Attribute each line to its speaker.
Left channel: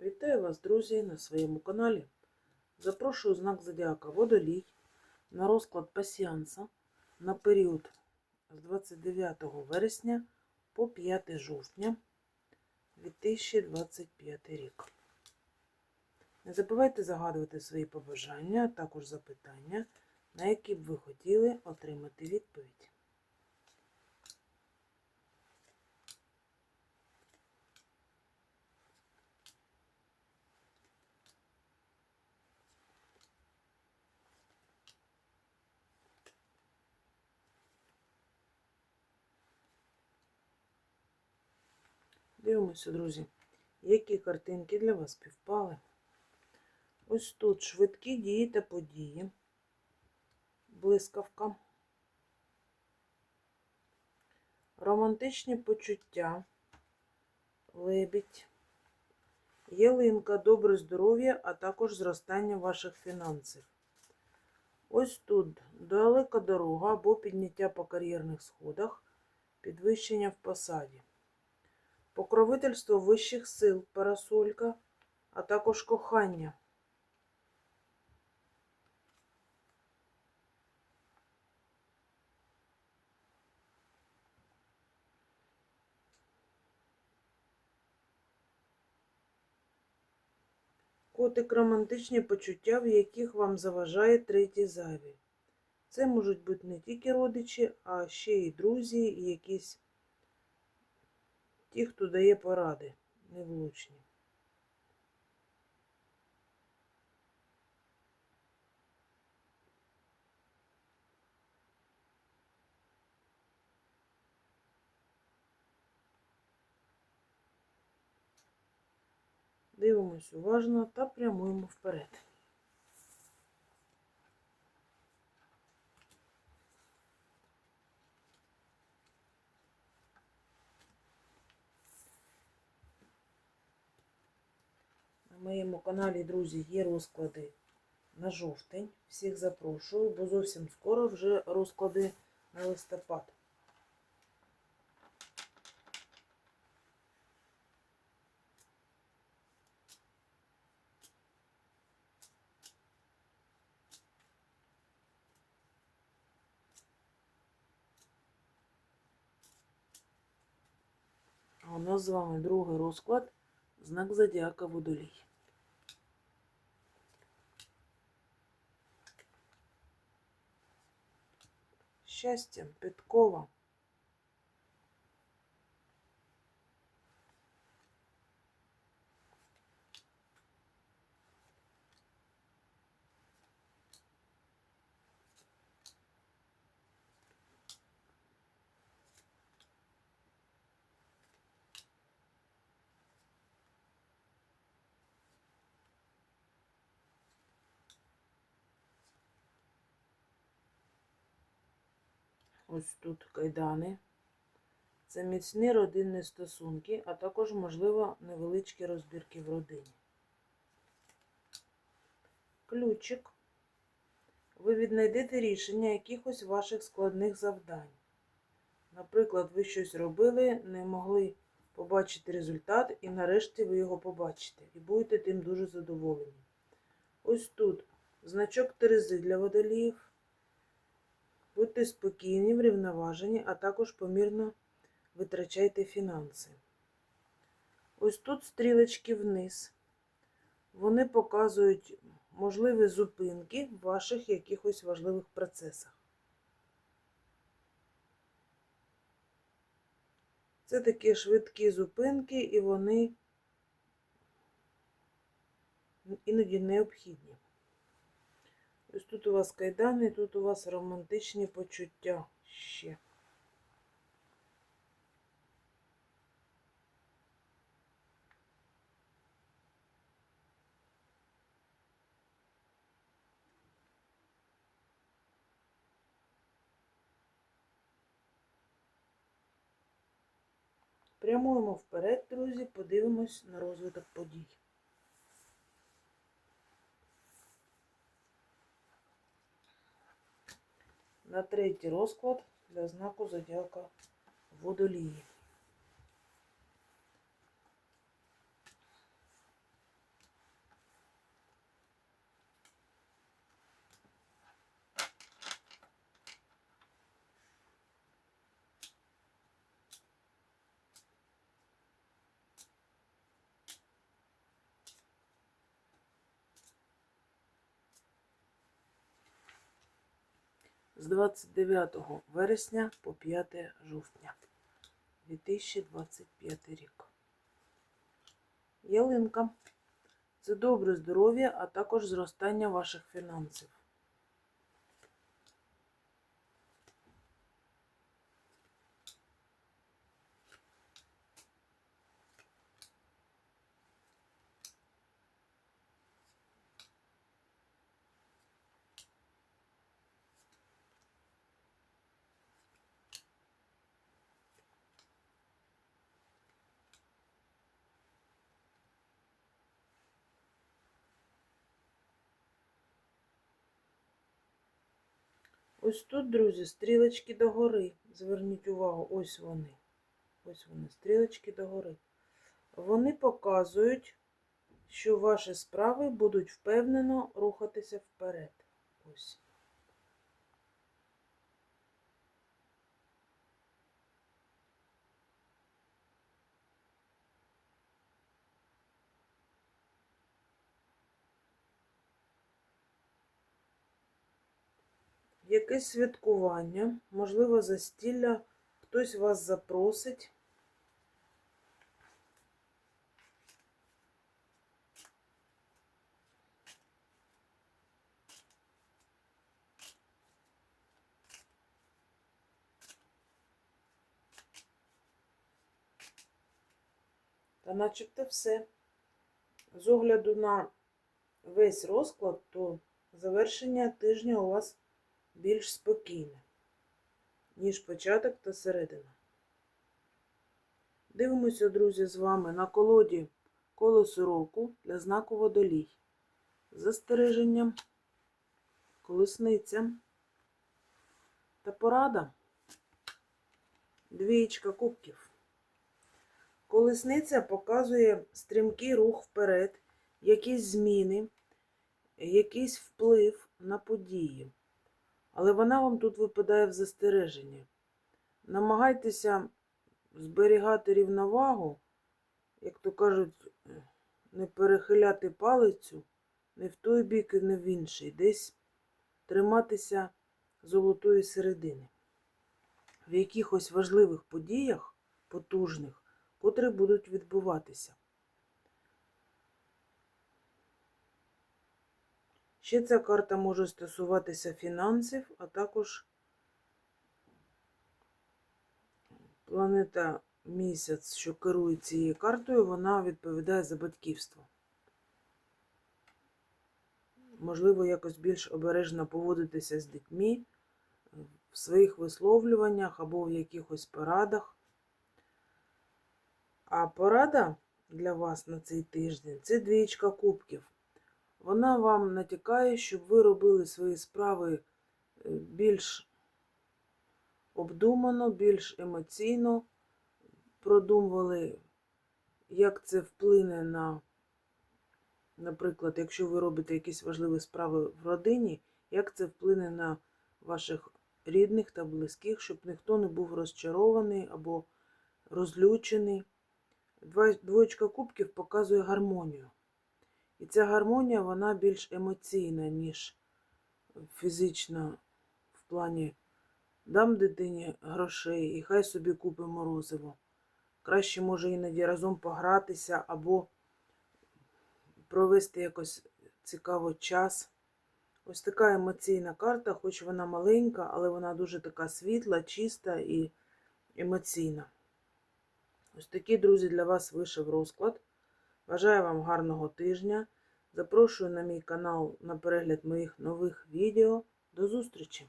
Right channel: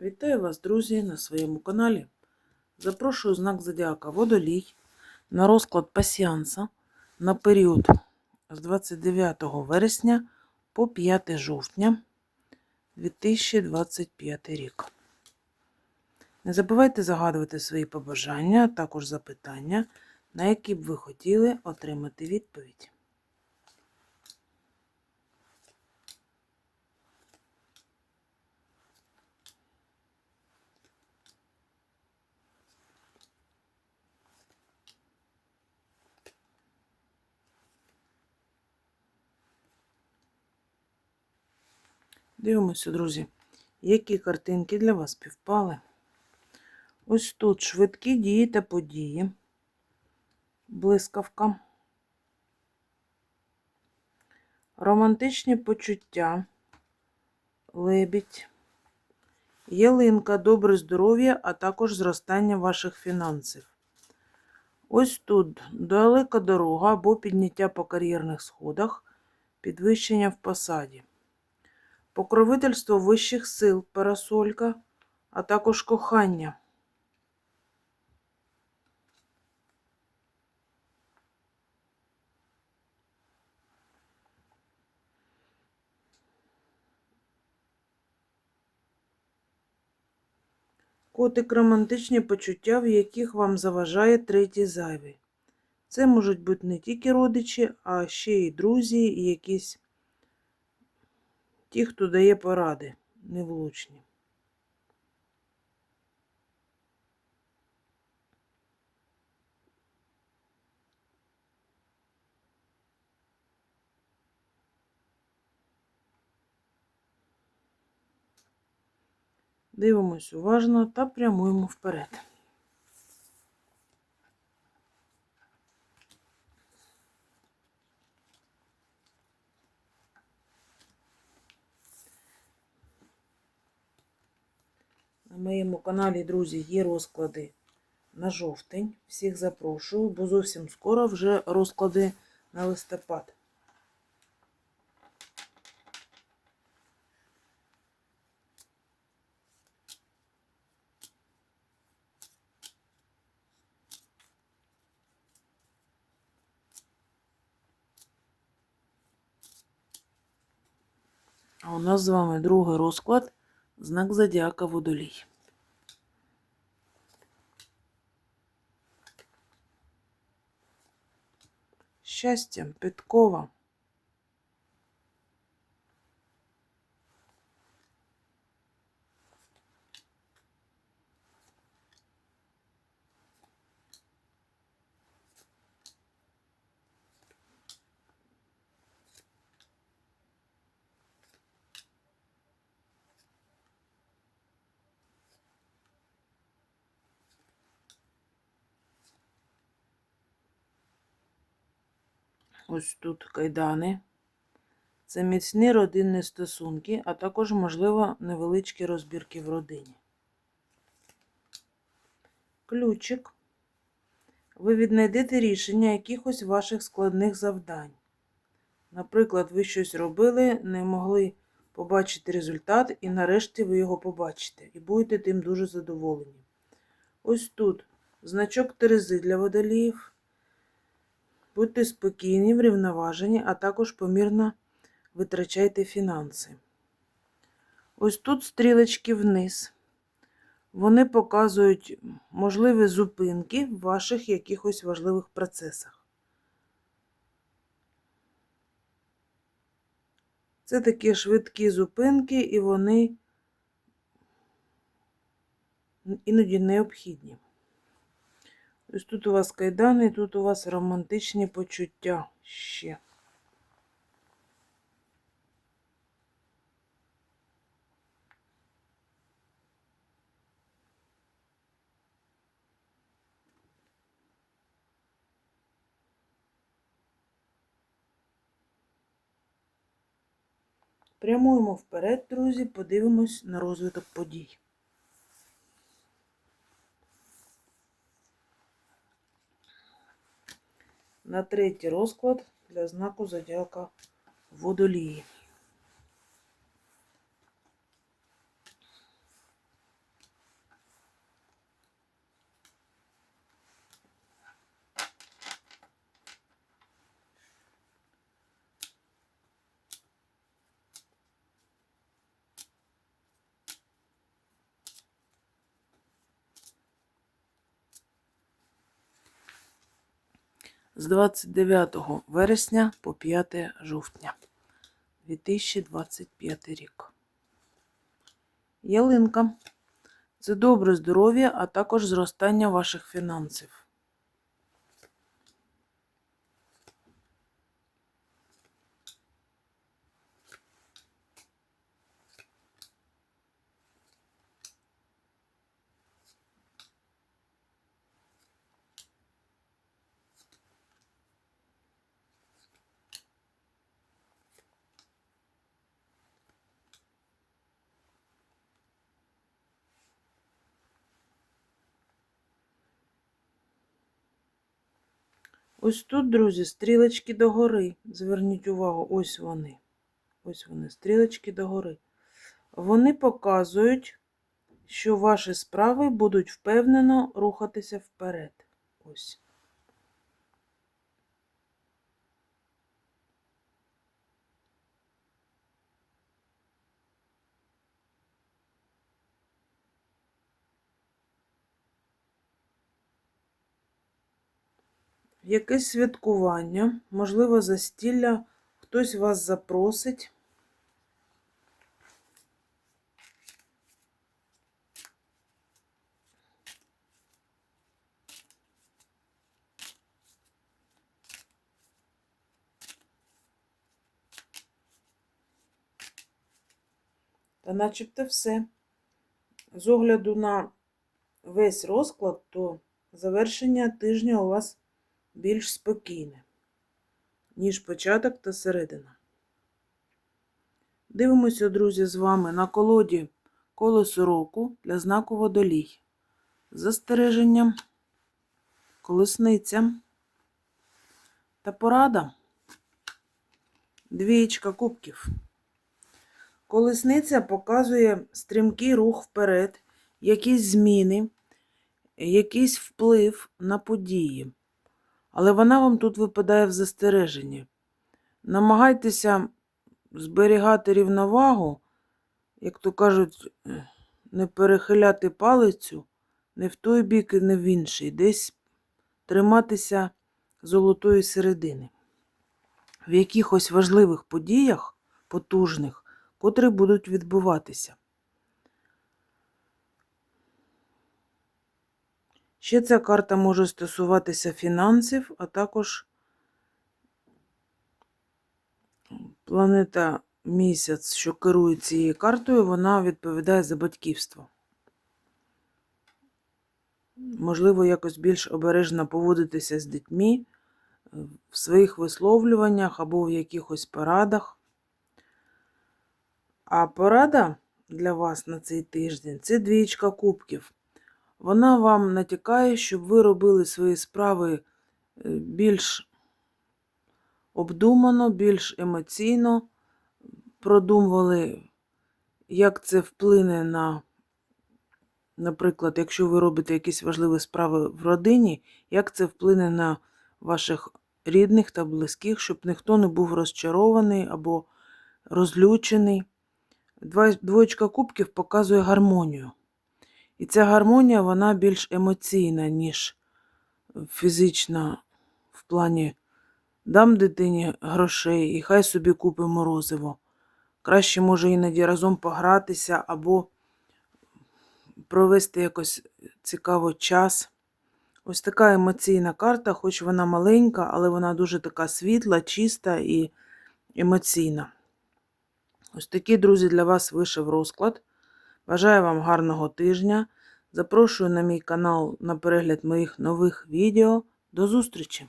Speaker 1: Вітаю вас, друзі, на своєму каналі. Запрошую знак Зодіака Водолій на розклад пасіанса на період з 29 вересня по 5 жовтня 2025 рік. Не забувайте загадувати свої побажання, а також запитання, на які б ви хотіли отримати відповідь. Дивимося, друзі, які картинки для вас співпали. Ось тут швидкі дії та події, блискавка, романтичні почуття, лебідь, ялинка, добре здоров'я, а також зростання ваших фінансів. Ось тут далека дорога або підняття по кар'єрних сходах, підвищення в посаді покровительство вищих сил, парасолька, а також кохання. Котик романтичні почуття, в яких вам заважає третій зайвий. Це можуть бути не тільки родичі, а ще й друзі, і якісь ті, хто дає поради, невлучні. Дивимось уважно та прямуємо вперед. На моєму каналі, друзі, є розклади на жовтень. Всіх запрошую, бо зовсім скоро вже розклади на листопад. А у нас з вами другий розклад знак зодіака Водолій. Щастя, підкова. Ось тут кайдани. Це міцні родинні стосунки, а також, можливо, невеличкі розбірки в родині. Ключик. Ви віднайдете рішення якихось ваших складних завдань. Наприклад, ви щось робили, не могли побачити результат, і нарешті ви його побачите. І будете тим дуже задоволені. Ось тут значок Терези для водоліїв. Будьте спокійні, врівноважені, а також помірно витрачайте фінанси. Ось тут стрілочки вниз. Вони показують можливі зупинки в ваших якихось важливих процесах. Це такі швидкі зупинки, і вони іноді необхідні. Ось тут у вас кайдани, тут у вас романтичні почуття ще. Прямуємо вперед, друзі, подивимось на розвиток подій. На третій розклад для знаку зодіака водолії. З 29 вересня по 5 жовтня 2025 рік. Ялинка. Це добре здоров'я, а також зростання ваших фінансів. Ось тут, друзі, стрілочки догори. Зверніть увагу, ось вони. Ось вони, стрілочки догори. Вони показують, що ваші справи будуть впевнено рухатися вперед. Ось. Якесь святкування, можливо, застілля, хтось вас запросить. Та начебто все. З огляду на весь розклад, то завершення тижня у вас більш спокійне, ніж початок та середина. Дивимося, друзі, з вами на колоді колесо року для знаку водолій. Застереження, колесниця та порада. Двієчка кубків. Колесниця показує стрімкий рух вперед, якісь зміни, якийсь вплив на події. Але вона вам тут випадає в застереженні. Намагайтеся зберігати рівновагу, як то кажуть, не перехиляти палицю не в той бік і не в інший, десь триматися золотої середини. В якихось важливих подіях, потужних, котрі будуть відбуватися. Ще ця карта може стосуватися фінансів, а також планета місяць, що керує цією картою, вона відповідає за батьківство. Можливо, якось більш обережно поводитися з дітьми в своїх висловлюваннях або в якихось порадах. А порада для вас на цей тиждень це двічка кубків. Вона вам натякає, щоб ви робили свої справи е, більш обдумано, більш емоційно, продумували, як це вплине на, наприклад, якщо ви робите якісь важливі справи в родині, як це вплине на ваших рідних та близьких, щоб ніхто не був розчарований або розлючений. Двоєчка кубків показує гармонію. І ця гармонія, вона більш емоційна, ніж фізична в плані дам дитині грошей і хай собі купить морозиво. Краще, може, іноді разом погратися або провести якось цікаво час. Ось така емоційна карта, хоч вона маленька, але вона дуже така світла, чиста і емоційна. Ось такий, друзі, для вас вийшов розклад. Бажаю вам гарного тижня. Запрошую на мій канал на перегляд моїх нових відео. До зустрічі!